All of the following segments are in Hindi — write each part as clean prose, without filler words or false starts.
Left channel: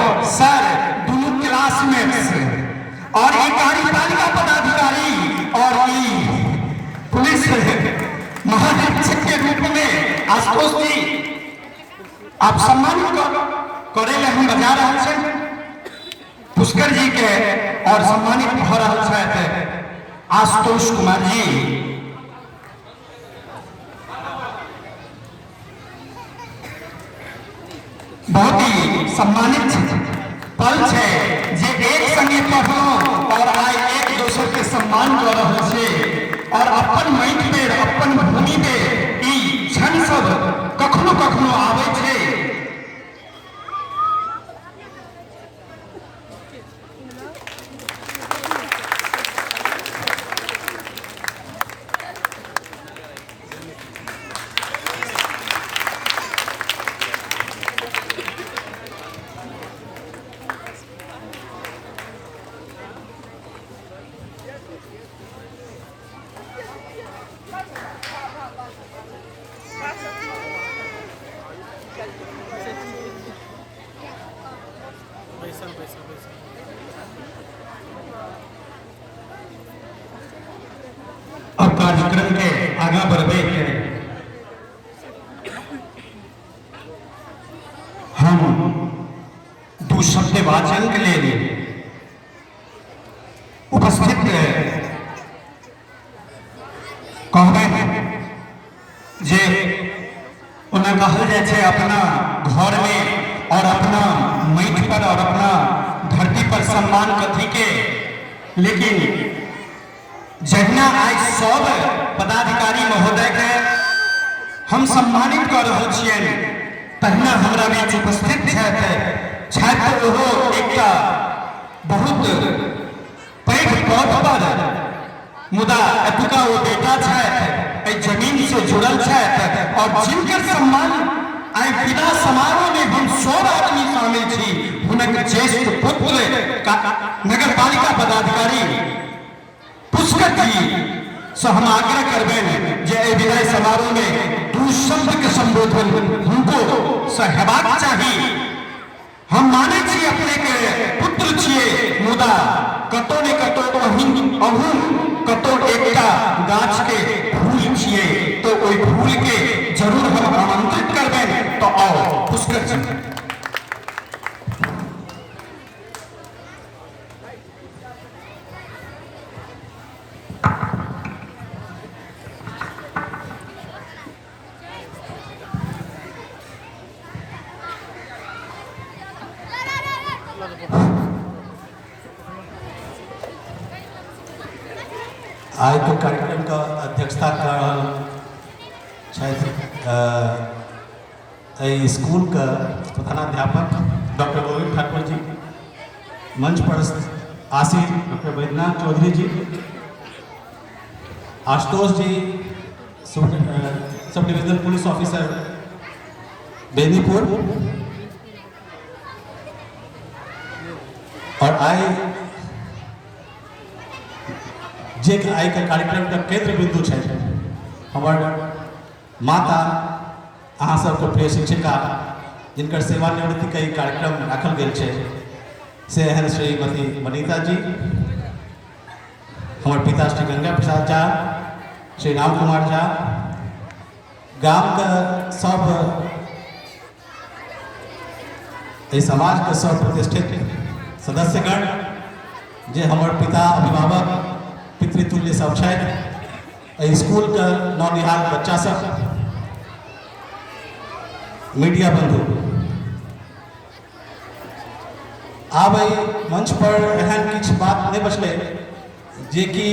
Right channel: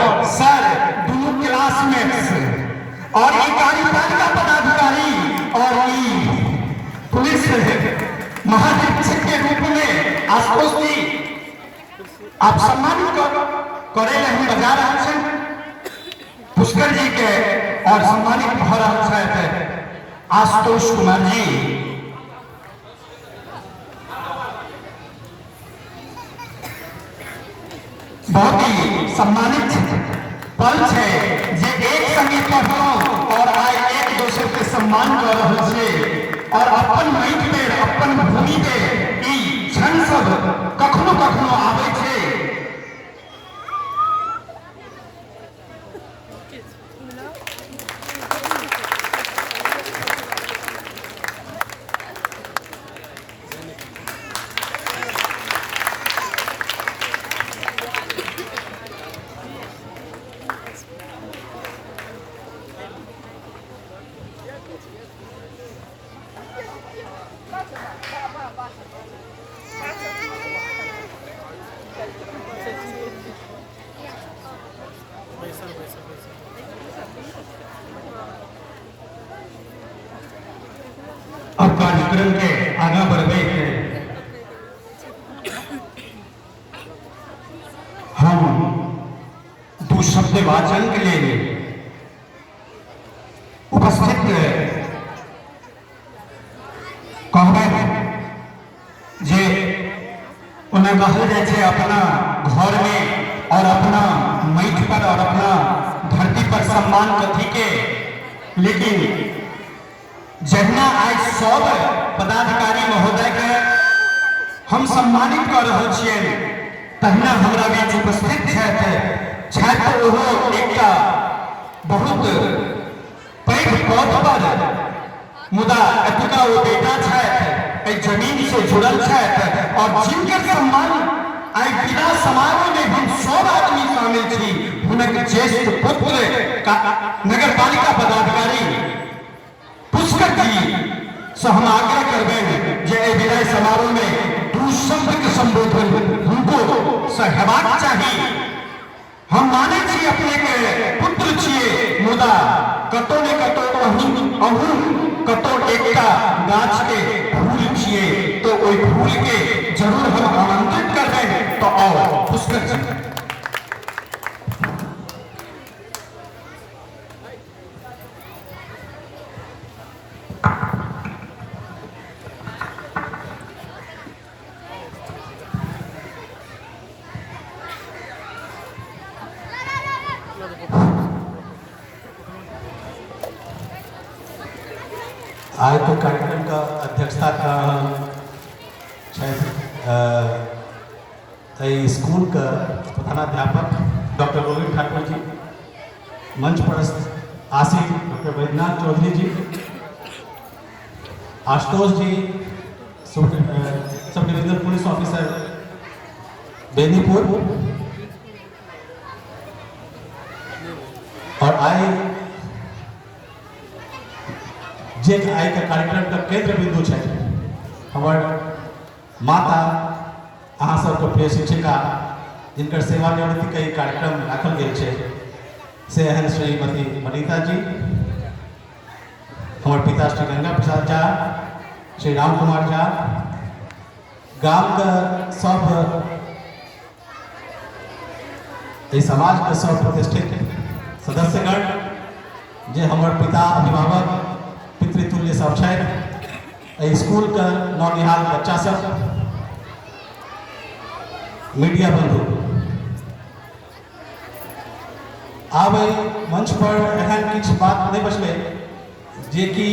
और सर दोनों क्लासमेट्स और एक कार्यपालिका पदाधिकारी और पुलिस महानिरीक्षक के रूप में आशुतोष जी आप सम्मानित करे हम बजा रहे हैं पुष्कर जी के और सम्मानित भ रहा है आशुतोष कुमार जी। बहुत ही सम्मानित पल है जे एक संगे पढ़ो और आए एक दूसरे के सम्मान कर रहा है और अपन माइंड पे अपन भूमि पे ई क्षण सब कखनो कखनो आवे छे। अब कार्यक्रम के आगे बढ़े हम दो शब्द वाचन के लिए उपस्थित कहबे जे उन्हें कहल जाए अपना घर में और अपना मैठ पर और अपना धरती पर सम्मान कथी के, लेकिन जहिना आज सब पदाधिकारी महोदय के हम सम्मानित कर रहे छियनि तहिना हमरा बीच उपस्थित छथि ओहो एकटा बहुत पैघ पद पर मुदा एतुका ओ बेटा छथि जमीन से जुड़ल छथि और जिनकर सम्मान आई विदा समारोह में हम सब आदमी शामिल छी हुनक ज्येष्ठ पुत्र नगर पालिका पदाधिकारी पुष्कर जी से हम आग्रह करबे जे विदाई समारोह में दू शब्द के संबोधन हमको से हेबाक चाहिए। हम माने छी अपने के पुत्र छिए मुदा कतो ने कतो अहू कतो एकटा गाछ के फूल छिए तो ओई फूल के जरूर हम आमंत्रित करबे। तो आओ पुष्कर जी। आज तो कार्यक्रम का अध्यक्षता कर स्कूल का प्रधानाध्यापक डॉक्टर गोविंद ठाकुर जी, मंच पर आसीन डॉक्टर वैद्यनाथ चौधरी जी, आशुतोष जी sub divisional police officer Benipur और आए जे आई का कार्यक्रम का केंद्र बिंदु है हमार माता अहाँ सबके प्रिय शिक्षिका जिनकर सेवानिवृत्ति का कार्यक्रम राखल गेल है से हैं श्रीमती वनिता जी, हमारे पिता श्री गंगा प्रसाद झा, श्री राम कुमार झा, गांव का सब समाज का सब प्रतिष्ठित सदस्यगण जे हमारे पिता अभिभावक पितृतुल्य सब है, स्कूल का नौनिहाल बच्चा सब, मीडिया बंधु आब मंच पर एहन किछु बात नहीं बचले जे कि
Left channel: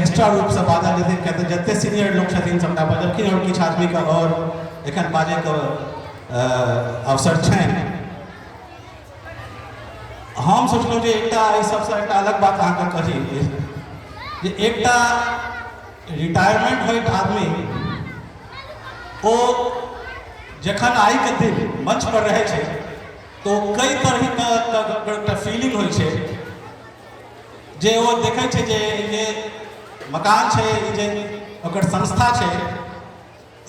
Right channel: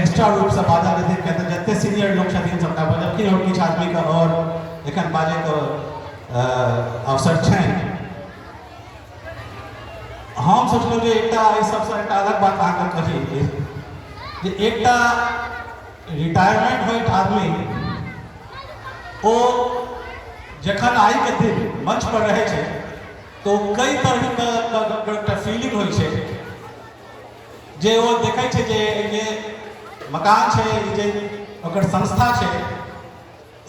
एक्स्ट्रा रूप से बाधा जते कहते जते सीनियर लोग छथिन सबटा बजलखिन और किछु आदमी का और एखन बाजे के अवसर छनि। हम सोचलहुँ जे एकटा एहि सबसँ एकटा अलग बात अहाँके कही जे एकटा रिटायरमेंट होइत आदमी ओ जखन आई के दिन मंच पर रहे छे तो कई तरह का फीलिंग होइ छे जे वो देखे छे जे ये मकान छे जे ओकर संस्था छे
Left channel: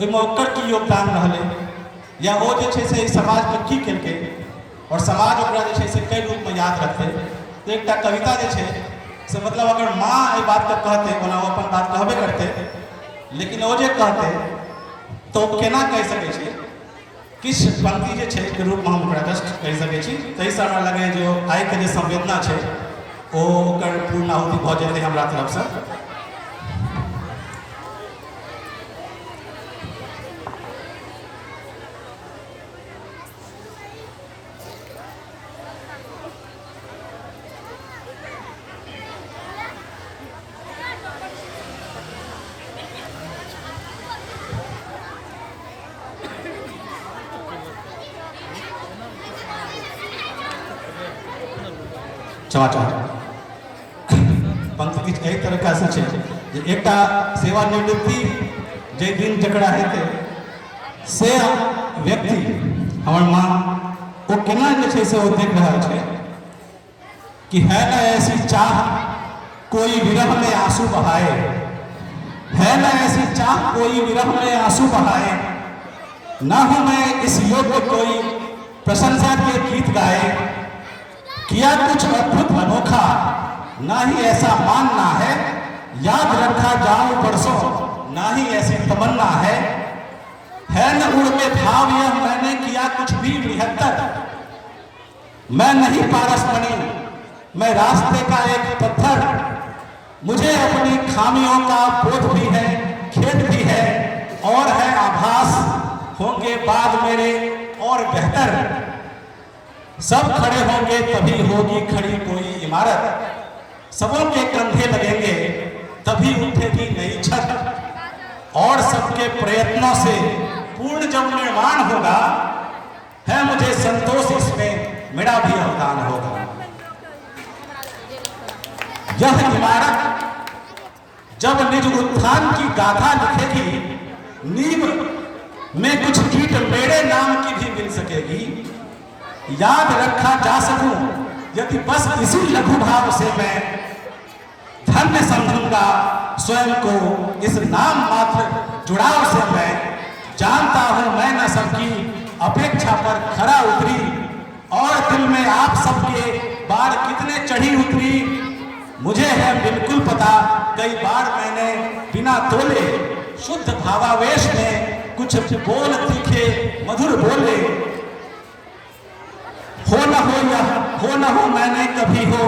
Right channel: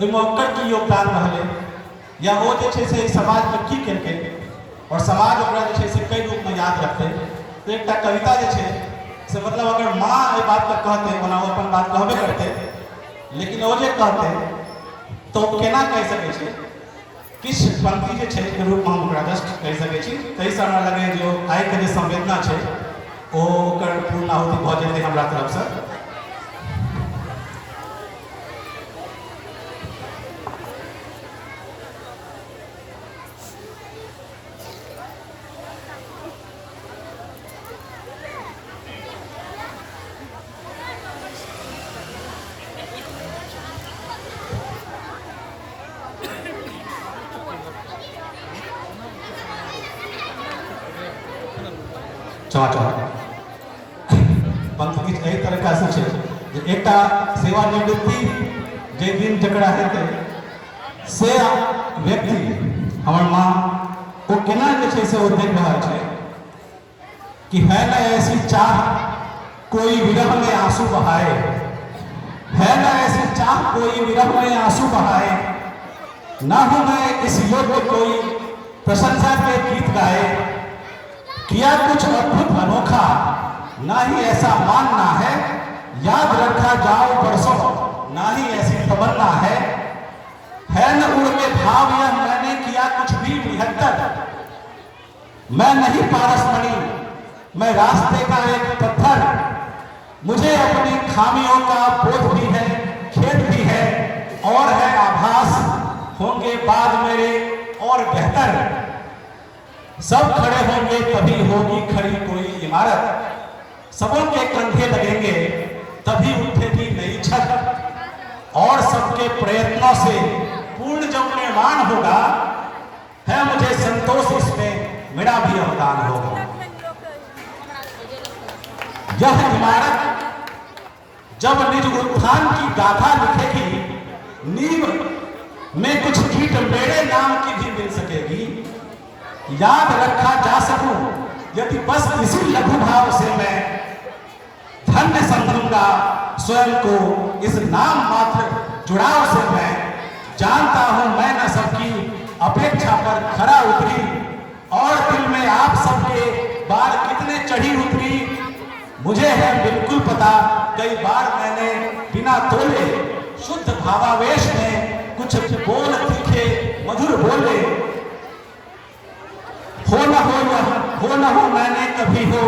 ओइमे ओकर की योगदान रहले या वो जे छे से समाज में की केलकै और समाज ओकरा जे छै से कई रूप में याद रखते। तो एक कविता जे छै से मतलब अगर माँ ये बात का कहते ओना वो अपन बात कहबे करते, लेकिन वो जे कहते तो केना कह सकै छी, किस पंक्ति जे छै के रूप में हम ओकरा जस्ट कह सकै छी। तैसँ हमरा लगे जो आइ के जे संवेदना छै ओ ओकर पूर्णाहुति भऽ जेतै हमरा तरफसँ। समाचार पंक्ति किछु एहि तरीका से छै जे एकटा सेवानिवृत्ति जे दिन जकरा हेतै से व्यक्ति हमर माँ ओ केना जे छै से ओ देख रहल छै कि है न ऐसी चाह कोई विरह में आंसू बहाए, है न ऐसी चाह कोई विरह में आंसू बहाए, ना हूं मैं इस योग्य कोई प्रशंसा के गीत गाए, किया कुछ अद्भुत अनोखा ना ही ऐसा मानना है, याद रखा जाऊं परसों ना ही ऐसी तमन्ना है न उड़ के भाव यह मैंने किया कुछ भी निहत्तर, मैं नहीं पारस बनी मैं रास्ते का एक पत्थर, मुझे अपनी खामियों का बोध भी है खेद भी है और है आभास होंगे बाद मेरे और बेहतर, सब खड़े होंगे तभी होगी खड़ी कोई इमारत, सबों के कंधे लगेंगे तभी उठेगी नई छत, और सबके प्रयत्नों से पूर्ण जब निर्माण होगा है मुझे संतोष इसमें मेरा भी अवदान होगा। यह इमारत जब निज उत्थान की गाथा लिखेगी, नींव में कुछ कीट मेरे नाम की भी मिल सकेगी, याद रखा जा सकूं यदि बस इसी लघु भाव से मैं धन्य समझूंगा स्वयं को इस नाम मात्र जुड़ाव से, मैं जानता हूं मैं न सबकी अपेक्षा पर खरा उतरी और दिल में आप सबके बार कितने चढ़ी उतरी, मुझे है बिल्कुल पता कई बार मैंने बिना तोले शुद्ध भावावेश में कुछ बोल तीखे मधुर बोले, हो न हो मैंने कभी हो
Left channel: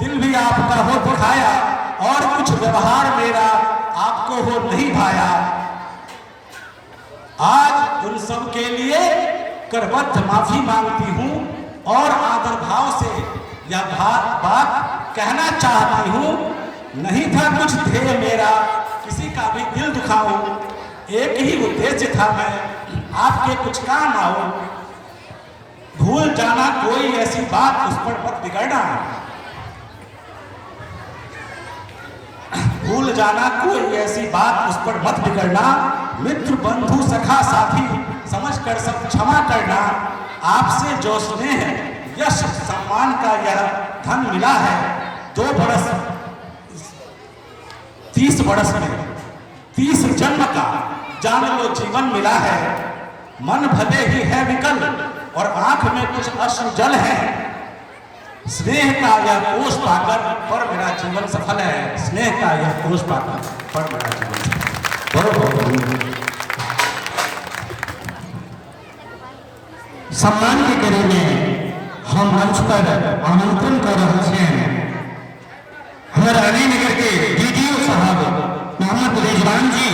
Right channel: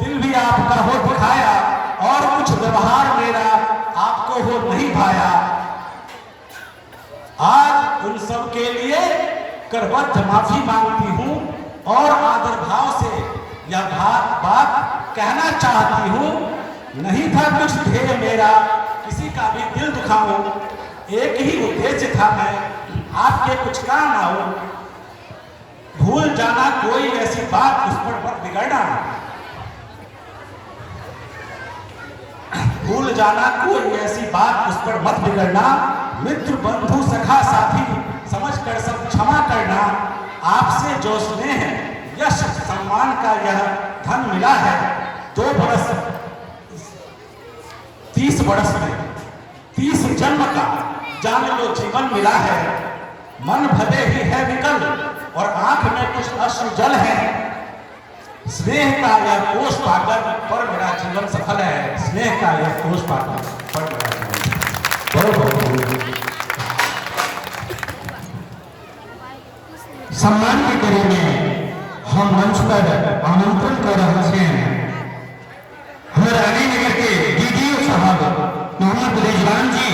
दिल भी आपका हो दिखाया और कुछ व्यवहार मेरा आपको हो नहीं भाया, आज उन सब के लिए करबद्ध माफी मांगती हूँ और आदर भाव से यह बात कहना चाहती हूँ, नहीं था कुछ ध्येय मेरा किसी का भी दिल दुखाऊं, एक ही उद्देश्य था मैं आपके कुछ काम आऊं, भूल जाना कोई ऐसी बात उस पर मत बिगड़ना, भूल जाना कोई ऐसी बात उस पर मत बिगड़ना, मित्र बंधु सखा साथी समझकर सब क्षमा करना, आपसे जो स्नेह यश सम्मान का यह धन मिला है 2 बरस 30 बरस में 30 जन्म का जान लो जीवन मिला है, मन भले ही है विकल और आंख में कुछ अश्रु जल है, स्नेह का यह कोष पाकर पर मेरा जीवन सफल है, स्नेह का यह कोष पाकर पर मेरा जीवन सम्मान के कड़ी में हम मंच पर आमंत्रण कर रहे हैं हमारे अलीनगर के डीडीओ साहब मोहम्मद रिजवान जी,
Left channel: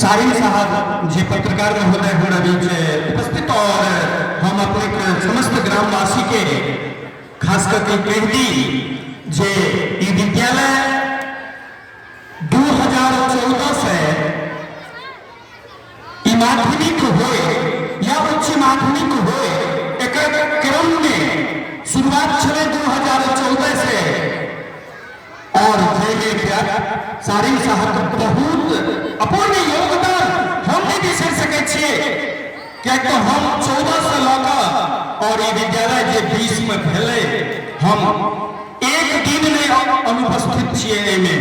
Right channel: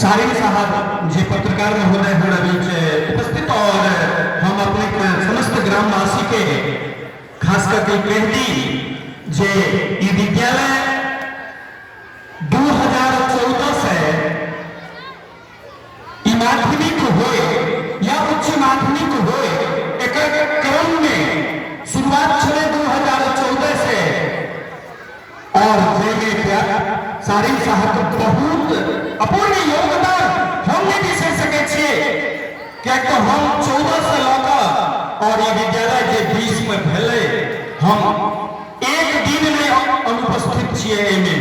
सारिन साहब जी पत्रकार महोदय हमारा बीच उपस्थित और हम अपने समस्त ग्रामवासी के खास करके कहती जे ई विद्यालय 2014 से माध्यमिक हुए या उच्च माध्यमिक हुए एक क्रम में शुरुआत चले 2014 से और सारी साहब बहुत अपने योगदान हमने भी से सके क्या तो हम 14 से लगा और ये विद्यालय के बीच में फैले हम एक दिन में अनुपस्थित 16 में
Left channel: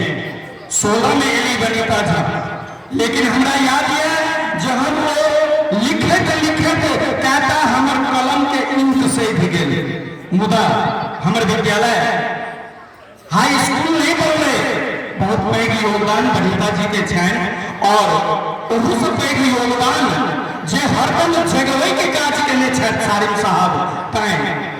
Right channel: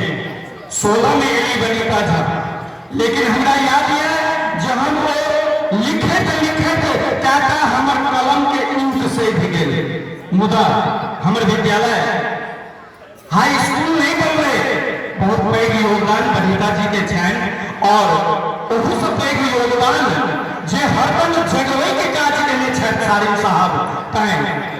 16 में एली बनीता था। लेकिन हमरा याद है जब हम लिखे थे कहता हमर कलम के इंक से भी गेले। मुदा हमर विद्यालय हाई स्कूल नहीं पढ़ले, बहुत पैघ योगदान बनीता जी के छनि और ओहू से पैघ योगदान जे हरदम जगवै के काज केने छथि सारिम साहब, तैं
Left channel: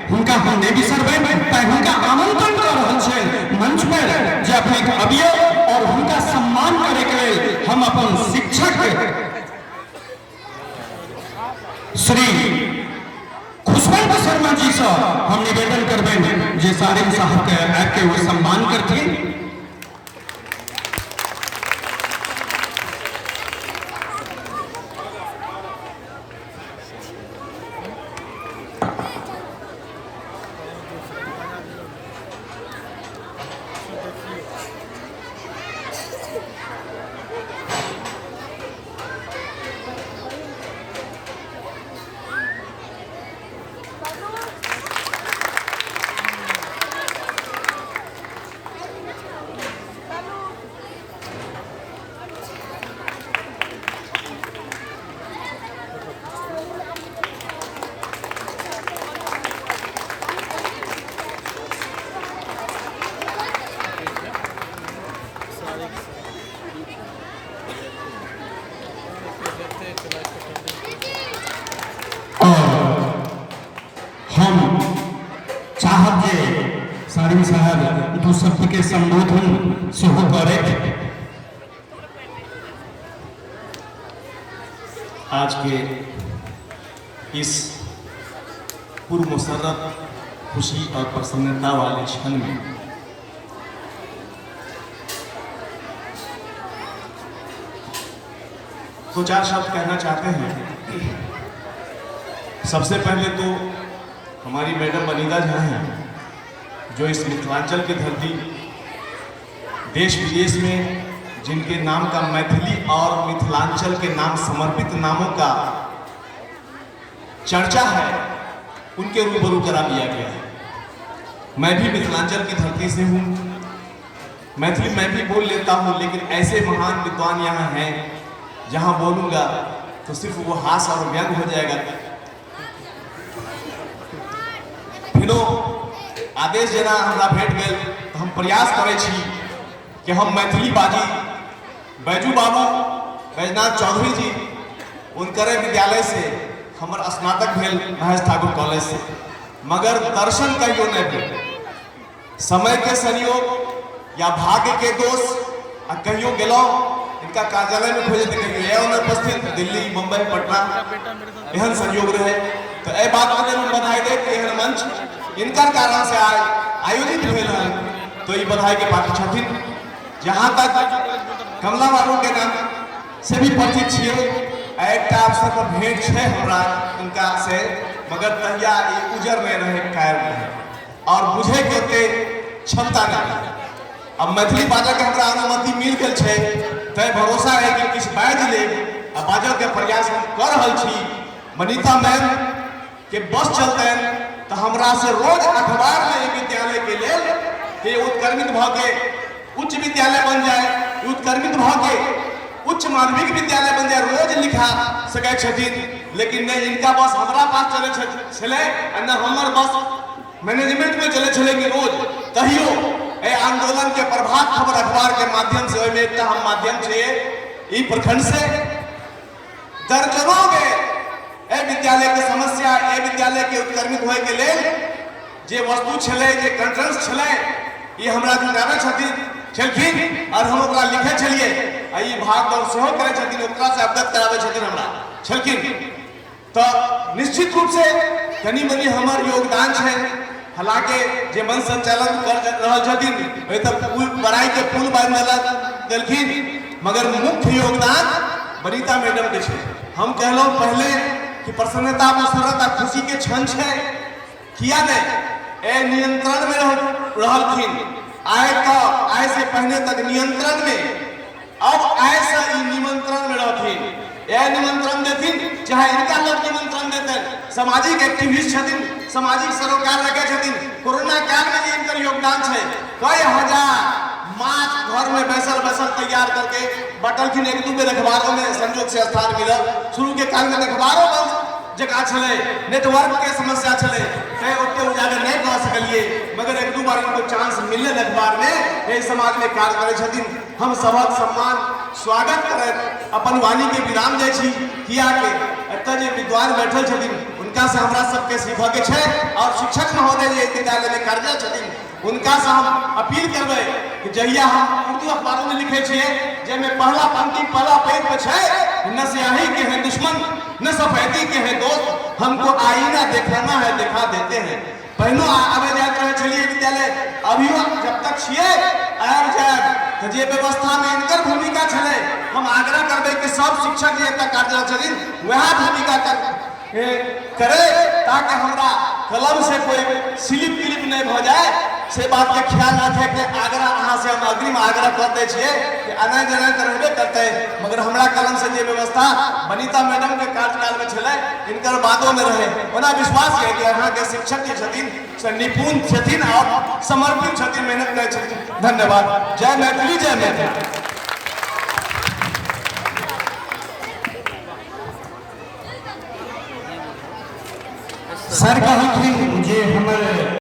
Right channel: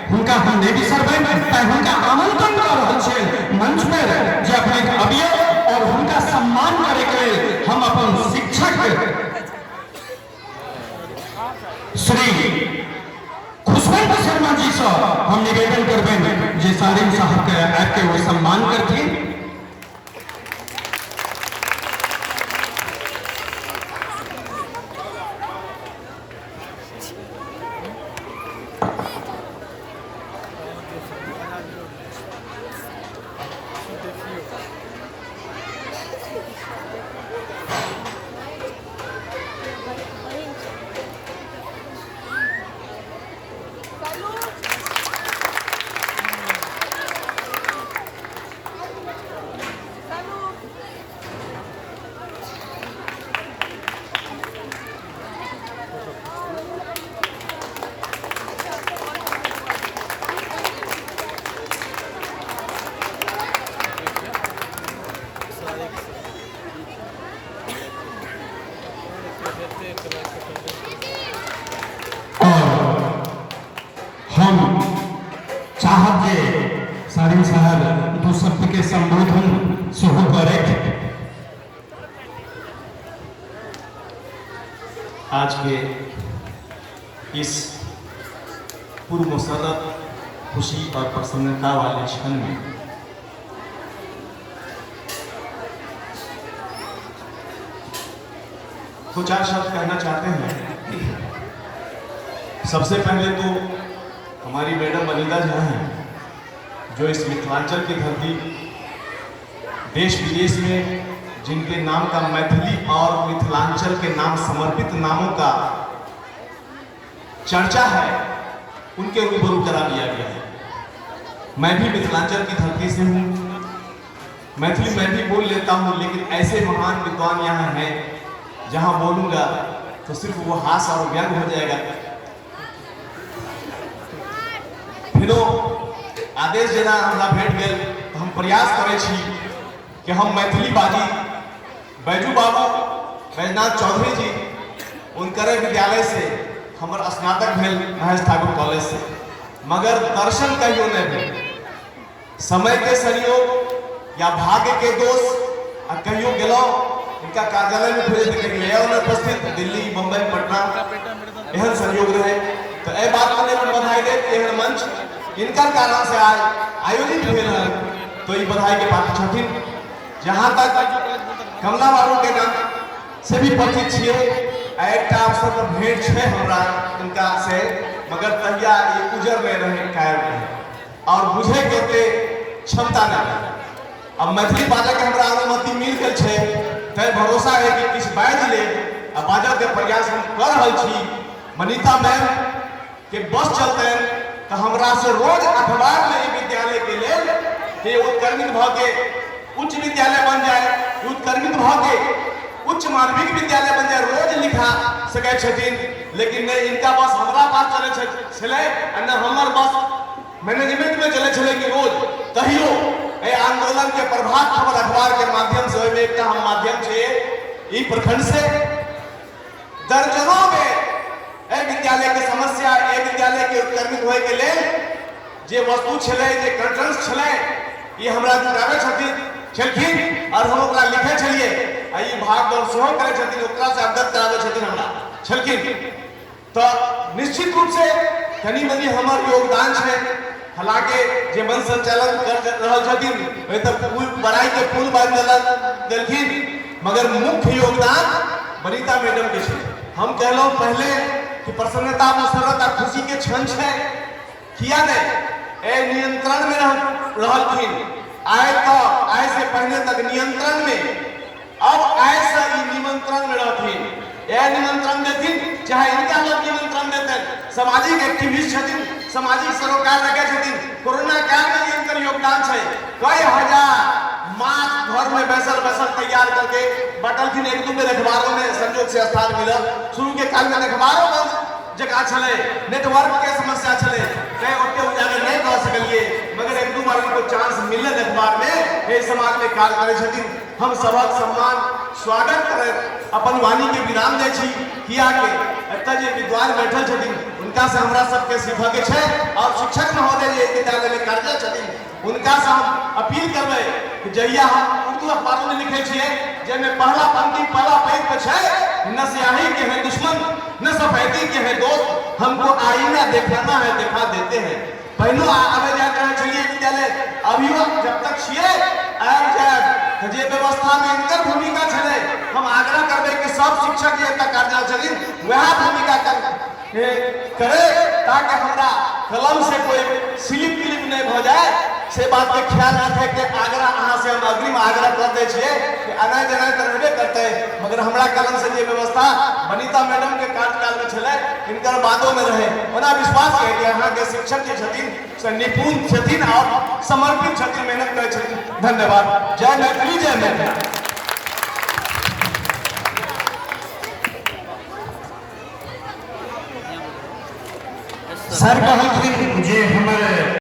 हुनका हम नहीं बिसरबै, तैं हुनका आमंत्रण कर रहल छियनि मंच पर जे अपने अबियौ और हुनका सम्मान करे के लेल हम अपन शिक्षक श्री खुशवंत शर्मा जी से हम निवेदन करबें जे सारिम साहब के आके वो सम्मान करथिन। हम चाहब जे सारिम साहब दू शब्द के संबोधन से हो करे। आज के इस पूर्व मुशर्रफ खुशी और प्रसन्नता वाले क्षण में दो चार शब्द कहना चाहते हैं। सबसे पहले तो हमारी मैडम वनीता जी हैं जो इस मिथिलांचल की धरती देश विदेश में जिनके नाम का मैथिली और मिथिलांचल के नाम समर्पित नामों का चर्चा है, उनके रूबरू करा दिया गया है। मैं भी मिथिलांचल की धरती से हूँ, मैथिली मैं भी बोल लेता हूँ, लेकिन ऐसे महान विद्वान यहाँ हैं जहाँ बोलूँगा तो सिर्फ वो हास और व्यंग हो जाएगा। फिर आदेश जेना हमरा भेट गेल तो हम प्रयास करे छी कि हम मैथिली बाजी। बैजू बाबू बैजनाथ चौधरी जी उनकर विद्यालय से हमर स्नातक भेल महेश ठाकुर कॉलेज से, मगर दर्शन कहियो नहीं भेल। समय के संयोग या भाग्य के दोष आ कहियो गेलौं इनका कार्यालय में भेज देने के लिए उपस्थित दिल्ली मुंबई पटना एहन संयोग रहे तो ए बात के लिए बधाई दे कि एहन मंच इनकर कारण से आज आयोजित भेल है तो ये बधाई के बात छथिन। जहाँ तक कमला बाबू के नाम से भी परिचित छियै, एकटा अवसर पर भेंट छै हमरा उनका से, मगर तहिया ये उजर में रहे कायम रहे और बुझे के ओते क्षमता न रहे। अब मैथिली बाजै के हमरा अनुमति मिल गेल छै तै भरोसा है कि किछु बाजि ले आ बाजै के प्रयास हम कर रहल छी। वनीता मैम के बस चलते तो हमरा से रोज अखबार में विद्यालय के लेल कि उत्क्रमित भ के उच्च विद्यालय बन जाए, उत्क्रमित भ के उच्च माध्यमिक विद्यालय बन जाए, रोज लिखा सकै छथिन। लेकिन नहीं, इनका बस हमरा पास चले छले न हमर बस मैनेजमेंट में चले छले कि रोज कहियो ए आंदोलन के प्रभात खबर अखबार के माध्यम से ओहिमे एकटा हम माध्यम छै ई प्रखंड से दर्जनों में ए विद्यालय के समस्या ए विद्यालय के उत्क्रमित होय के लेल जे वस्तु छले जे कंटेंट्स छले ये हमरा जुटाबे छलखिन और हम ओकरा लिखे छलिए आ ई भाग दौड़ सेहो करे छथिन, ओकरा से अवगत कराबे छथिन हमरा छलखिन। तो निश्चित रूप से कनी मनी हमर योगदान छै। हालांकि जे मन संचालन कर रहल छथिन ओहि तक पुल बड़ाई के पुल बांध देलखिन, मगर मुख्य योगदान वनीता मैडम के छै। हम कहलहुँ पहले कि प्रसन्नता मसरत आ खुशी के क्षण छै, किया नहीं ए नियंत्रण में रहलखिन। आय से पहले तक नियंत्रण में, अब आय से निमंत्रण में रहथिन। ए निमंत्रण देथिन चाहे इनका लोग निमंत्रण देते, सामाजिक एक्टिविस्ट छथिन, सामाजिक सरोकार रखे छथिन। कोरोना काल में इनकर योगदान छै, कई हजार मास्क घर में बैसल बैसल तैयार करके बटल की एक दू बेर अखबारों में संजोग से स्थान मिलल शुरू के काल में अखबारों बंद जगह चले नेटवर्क के समस्या चले कहीं ओटे उजागर नहीं कर सकलिए मगर एक दू बार को चांस मिलल अखबार में ये समाज में कार्य करे छथिन हम सबक सम्मान स्वागत करत अपन वाणी के विधान दे छी किया के एतऽ जे विद्वान बैठल छथिन उनका से हमरा सबके सीखऽ के छै और शिक्षक महोदय जे विद्यालय में कार्यरत छथिन उनका से हम अपील करबै कि जहिया हम उर्दू अखबार में लिखे छिए जेमे पहला पंक्ति पहला पेज पे छै न स्याही के हैं दुश्मन न सफेदी के हैं दोस्त हमको आईना दिखाना है दिखा देते हैं पहलो आगे जाकर रहे चलिए विद्यालय अभिभावक जब तक छिए आर जाए तो जे व्यवस्था में इनकर भूमिका छले हम आग्रह करबे कि सब शिक्षक जे तक कार्य छथिन वह भूमिका करे ताकि हमरा कलम से कोई स्लिप क्लिप नहीं हो जाए से बात के ख्याल रखे कि आग्रह अहाँ से हम अग्रिम आग्रह करते छिए कि अनय जगह करबे करते मगर हमरा कलम से जे व्यवस्था वनिता मैडम के कार्यकाल में छले इनकर बातों में रहे ओना विश्वास है कि अहाँ के शिक्षक जे छथिन से निपुण छथिन और समर्पित छथिन मेहनत करै छथिन धन्यवाद जय मैथिली जय मैथिली सर कहलखिन जे हमर